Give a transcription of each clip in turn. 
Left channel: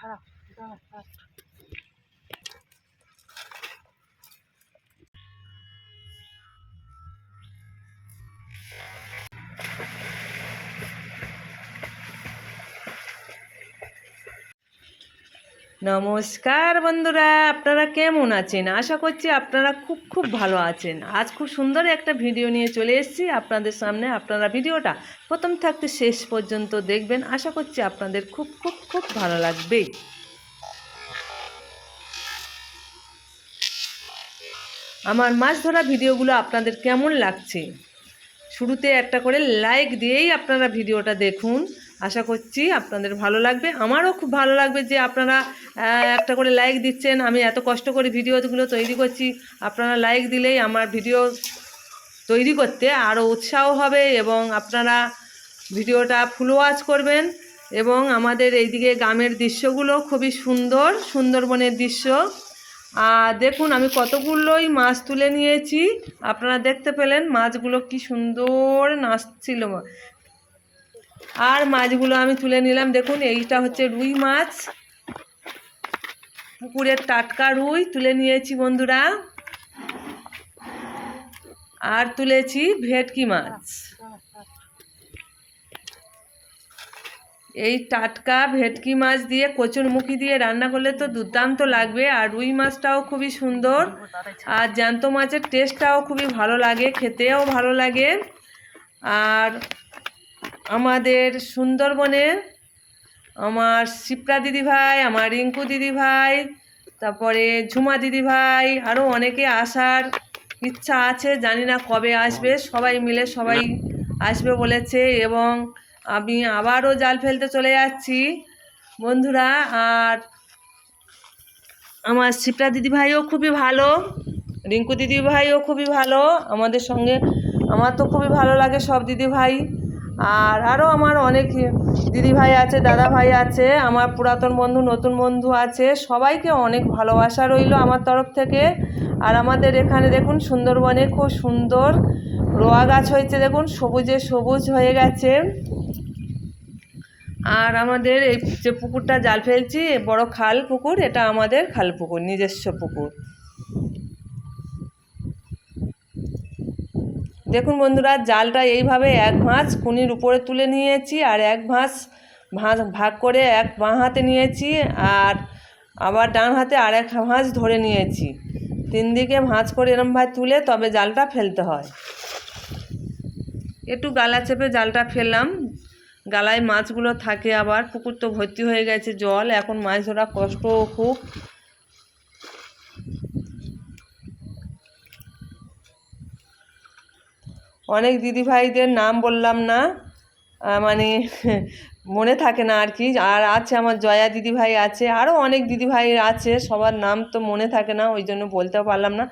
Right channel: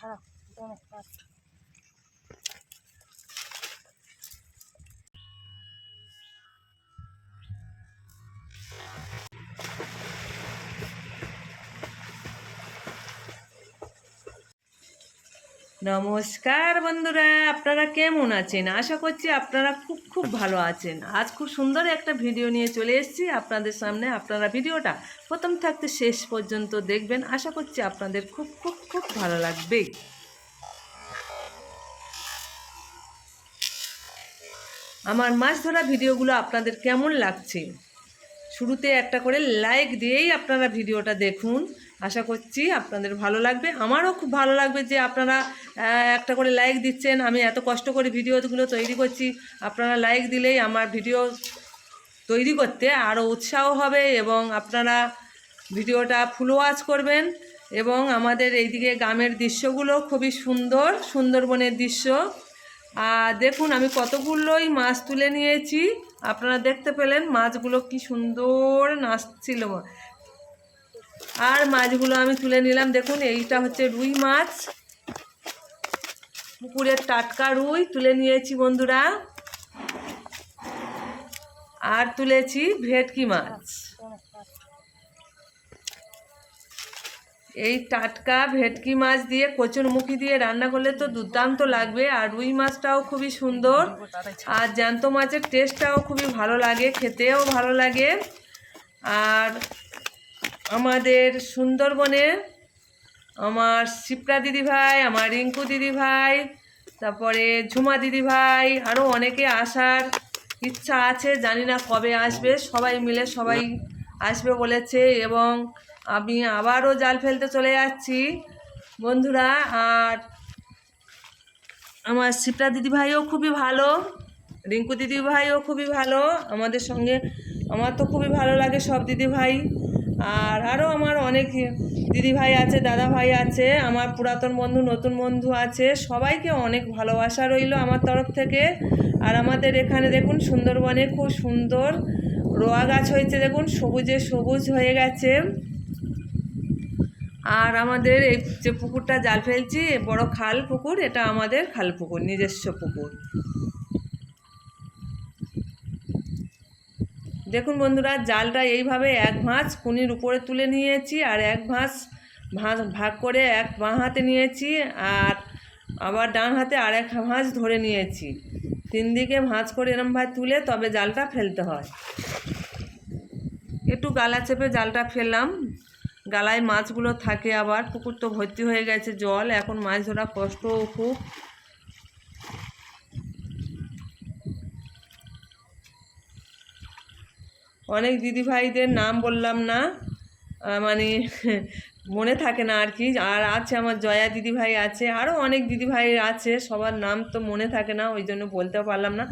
ছাড়া নমস্কার বন্ধুরা, আপনারা কেমন আছেন? আশা করছি আপনারা খুব ভালো আছেন। আজ খুব সুন্দর একটা ভিডিও নিয়ে চলে এসেছি আপনাদের সামনে। আপনারা ভিডিওটা প্রথম থাকতে শেষ পর্যন্ত দেখবেন। আশা করছি আপনাদের খুব ভালো লাগবে। আমার মাছ ধরা ভিডিওগুলো আপনাদের কেমন লাগছে? শুরুতে একটা করে লাইক দিয়েই আপনারা ভিডিওটা দেখুন। আশা করছি আপনাদের ভালো লাগবে। আমারও খুব ভালো লাগবে যে আপনারা একটা করে লাইক দিচ্ছেন। আমি এত কষ্ট করে ভিডিওগুলো তৈরি করছি, আপনারা লাইক দিলেই আমার ভিডিও তৈরি করতে আরও উৎসাহ হবে এবং আপনারা ভিডিওটা ফুল ওয়াচ করবেন। এবং আমাদের এইদিকে গ্রামের দৃশ্যগুলো খুবই সুন্দর, সুন্দরবনের দৃশ্য। আর দেখুন আমি কতগুলোই মাছ তুলে নিয়েছি, আপনারা দেখতে পেলেন মাছগুলো কি সুন্দর নাচছিল। আর মাছগুলো আমি তুলে নিলাম। দেখুন এইটা হচ্ছে রুই মাছ, পুকুরের টাটকা রুই তুলে নিয়েছি বন্ধুরা। আর তুলেছি ভেটকি মাছ। এই টাটকা ভেটকি মাছ দিয়ে কচুরমুখী দিয়ে রান্না করলে তো দুর্দান্ত লাগবে। আর রুই মাছটাও খুবই সুন্দর, আর জ্যান্ত মাছের টেস্টটাও খুবই ভালো লাগে, খেতেও ভালো লাগে। আর আমাদের সুন্দরবনে আমার শিপ্রা দিদিভাই, আমার রিঙ্কু দিদিভাই, তারপরে ঝুমা দিদিভাই, আরও অনেকে আসার ইচ্ছা আছে, জানি না কবে আসবে। সবাই মিলে সবাই আসবে বলেছে এবং আমি আবারও জাল ফেলতে চলে যাচ্ছি বন্ধুরা। আর আমার শিপ্রা দিদিভাইও খুবই ভালো, রিঙ্কু দিদিভাইও খুবই ভালো আমাদের সঙ্গে। আমার তো খুবই ভালো লাগে সব দিদিভাই। আর আরও আমার অনেক দিদিভাই আছে, দাদা ভাই আছে, আমার পুরাতন বন্ধু, নতুন বন্ধু আছে। সবাইকে অনেক ভালোবাসা রইল আমার তরফ থেকে। আর আমাদের এখানে দেখুন সুন্দরবনে খুব সুন্দর রোয়া গাছ হয়েছে, দেখুন সবুজে সবুজ হয়ে গেছে। আর আমাদের এই যে পুকুরটা জাল ফেলছি, বড় খাল পুকুর, এটা আমাদের খাল পুকুর, নিজস্ব পুকুর। দেখুন বন্ধুরা, জালটা এইভাবে এক ভাঁজ কুনির উপরে তুলে নিয়েছি আর এক ভাঁজ ভাগ করে এক বাঁ হাতে নিয়েছি আর আবার ডান হাতে আর এক ভাঁজ ধরে নিয়েছি। তিন দিকে ভাঁজ করে এরমভাবে তুলে তবে জালটা ফেলতে হয়। একটু গালা চেপে জালটা ফেললাম, গালায় মাছগুলো থাকে। আবার পুকুর তো ভর্তি হয়ে গেছে জল, এখন মাছ ধরা কষ্টও খুব। অনেক দিদিভাইদের নাম বললাম না, মানে মনে থাকে না আর কি। আর আছে আমার জয়া দিদিভাই আছে, আরও অনেক দিদিভাই আছে, সবার নাম তো মনে থাকে না, ওই জন্য বলতেও পারলাম না।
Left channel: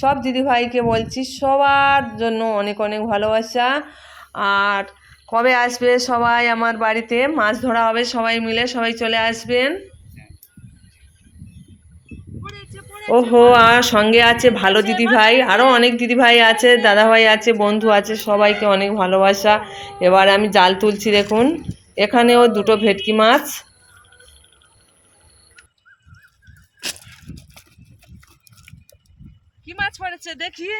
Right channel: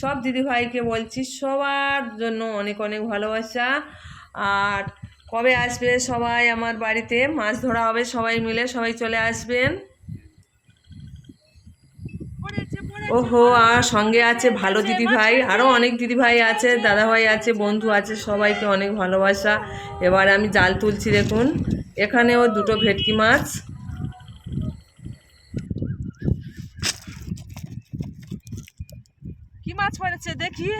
সব দিদিভাইকে বলছি সবার জন্য অনেক অনেক ভালোবাসা। আর কবে আসবে সবাই আমার বাড়িতে? মাছ ধরা হবে সবাই মিলে, সবাই চলে আসবেন। ওহো, আর সঙ্গে আছে ভালো দিদিভাই, আরও অনেক দিদিভাই আছে, দাদাভাই আছে, বন্ধু আছে, সবাইকে অনেক ভালোবাসা। এবার আমি জাল তুলছি, দেখুন এখানেও দুটো ভেটকি মাছ। কি মাছ পড়েছে দেখি?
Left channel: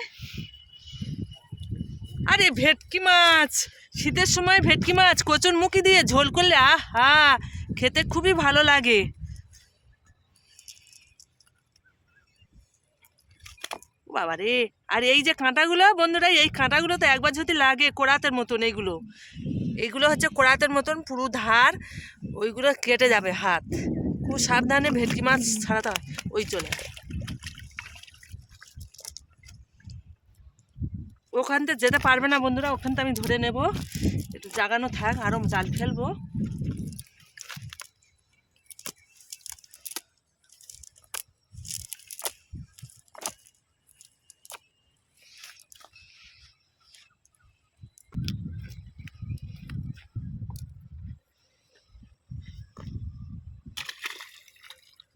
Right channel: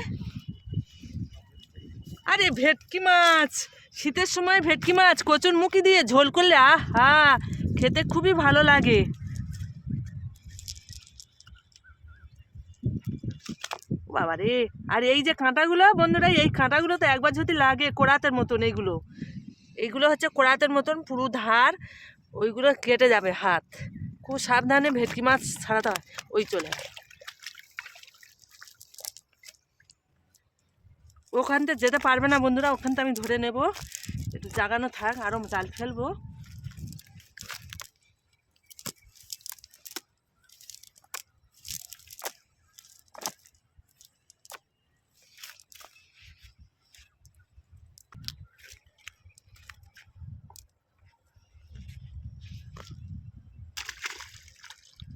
আরে ভেটকি মাছ, শীতের সময় ভেটকি মাছ কচুরমুখী দিয়ে ঝোল করলে আহা, খেতে খুবই ভালো লাগে। বাবা রে! আর এই যে কাঁটাগুলো বন্ধুরা, এই কাঁটাগুলো তো একবার যদি লাগে কোরাতের মতন, এইগুলো হচ্ছে কোরাতের মতন পুরো ধার, ওইগুলো কেটে যাবে হাত। খুব সাবধানে ভেটকি মাছ ছাড়াতে হয়। ওই চলে ওখান থেকে যেতে পারবে না বন্ধুরা, ওখান থেকে আমি ধরে নেব। একটু জাগানো থাক, আরও জাল ফেলবো।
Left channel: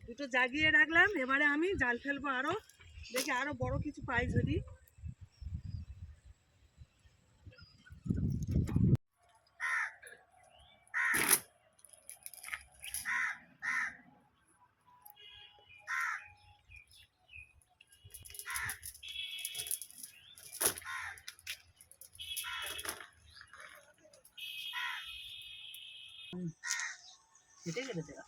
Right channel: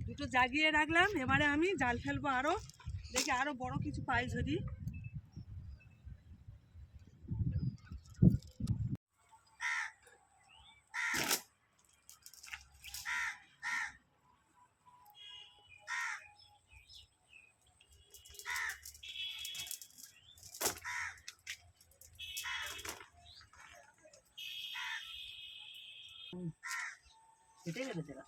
দুটো জাগিয়ে রাখলাম, এবারে আমি জাল ফেলবো আরও, দেখি আরও বড় কিছু পাই যদি। কেটে লেগেছে গা।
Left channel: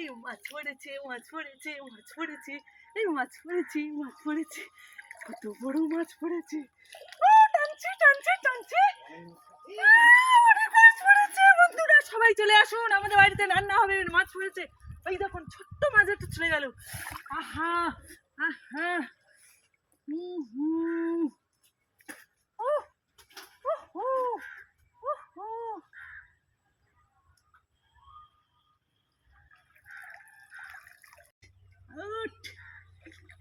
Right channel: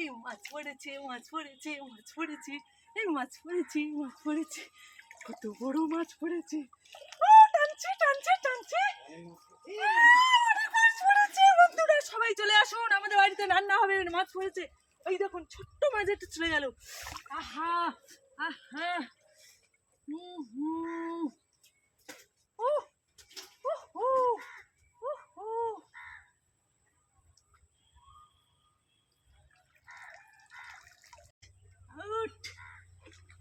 এই মাছ পড়েছে, মাছ পড়েছে, মাছ পড়েছে, এই মাছ পড়েছে, মাছ পড়েছে, কত বড় মাছ পড়েছে। ও টানছে টানছে টানছে, অনেক মাছ পড়েছে। বন্ধুরা সবাই চলে আসুন, আমাদের বাড়িতে রান্না হবে, মাছ পড়েছে। ওই দেখুন ছোট্ট মাছ একটা চলে গেল। আহা আহা, হুম হুম, ও ও ও ও, আট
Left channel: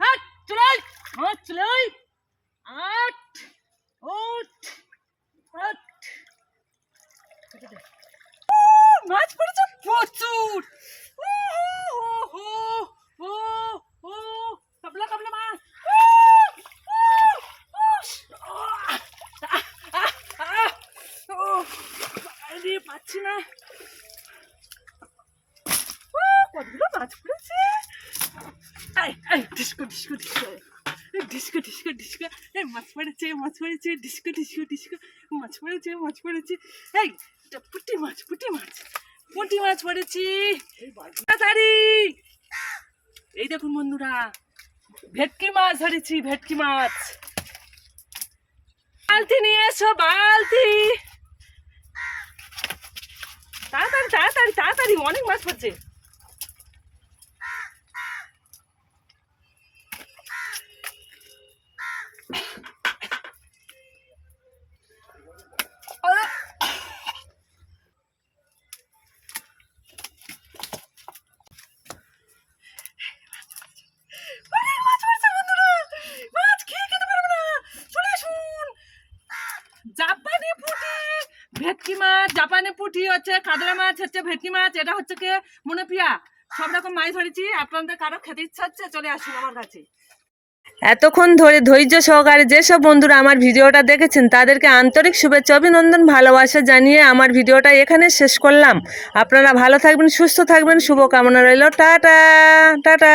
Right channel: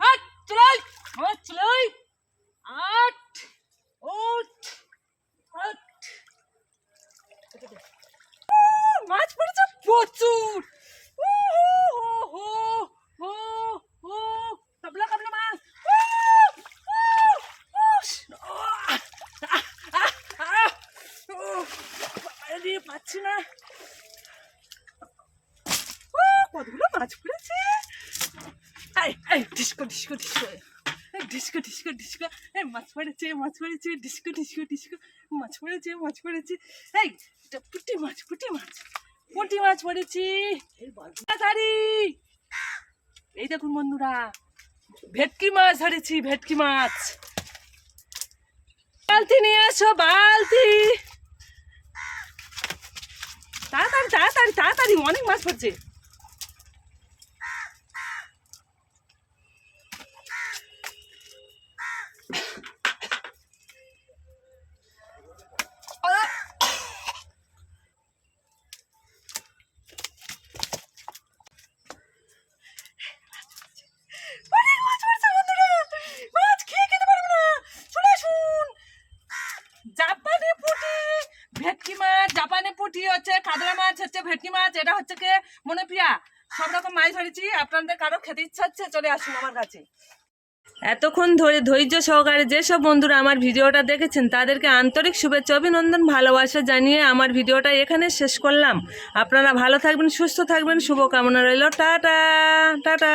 আট চলাই মাছ চলাই, আট ওট আট। মাছ পড়েছে প্রচুর। ও হো হো হো, কাবলা কাবলা মাছ। আরে পাচ্ছি না। কতগুলো মাছ পড়েছে। Disco disco disco disco disco disco, এই মাছ পড়েছে, মাছ পড়েছে, ডিস্কো ডিস্কো ডিস্কো, মাছ পড়েছে, মাছ পড়েছে। এই এটা পুঁটি মাছ, পুঁটি মাছ, পুঁটি মাছ পড়েছি তাড়াতাড়ি। এই দেখুন বন্ধুরা, ভেটকি মাছ ধরেছি, ভেটকি মাছ। বালতি নিয়ে এসো, বালতি, তাড়াতাড়ি তাড়াতাড়ি তাড়াতাড়ি, অনেক মাছ পড়ছে। জাপানি পুঁটি, ভেটকি মাছ, জাপানি পুঁটি হচ্ছে, কাতলা মাছ হচ্ছে, ভেটকি মাছ, এটা হচ্ছে কে মনোপিয়া। সব রকম মাছ ধরেছি। আপনাদের কারো খেতে ইচ্ছা হচ্ছে চলে আসুন আমার কাছে। এতক্ষণ ধরে ধৈর্য সহকারে যেসব বন্ধুরা আমার ভিডিওটা দেখেছেন তাদেরকে আন্তরিক শুভেচ্ছা অভিনন্দন ভালোবাসা জানিয়ে আমার ভিডিওটা এখানে শেষ করলাম। আপনারা ভালো থাকবেন, সুস্থ থাকবেন, শুভকামনা রইল। Tata tata.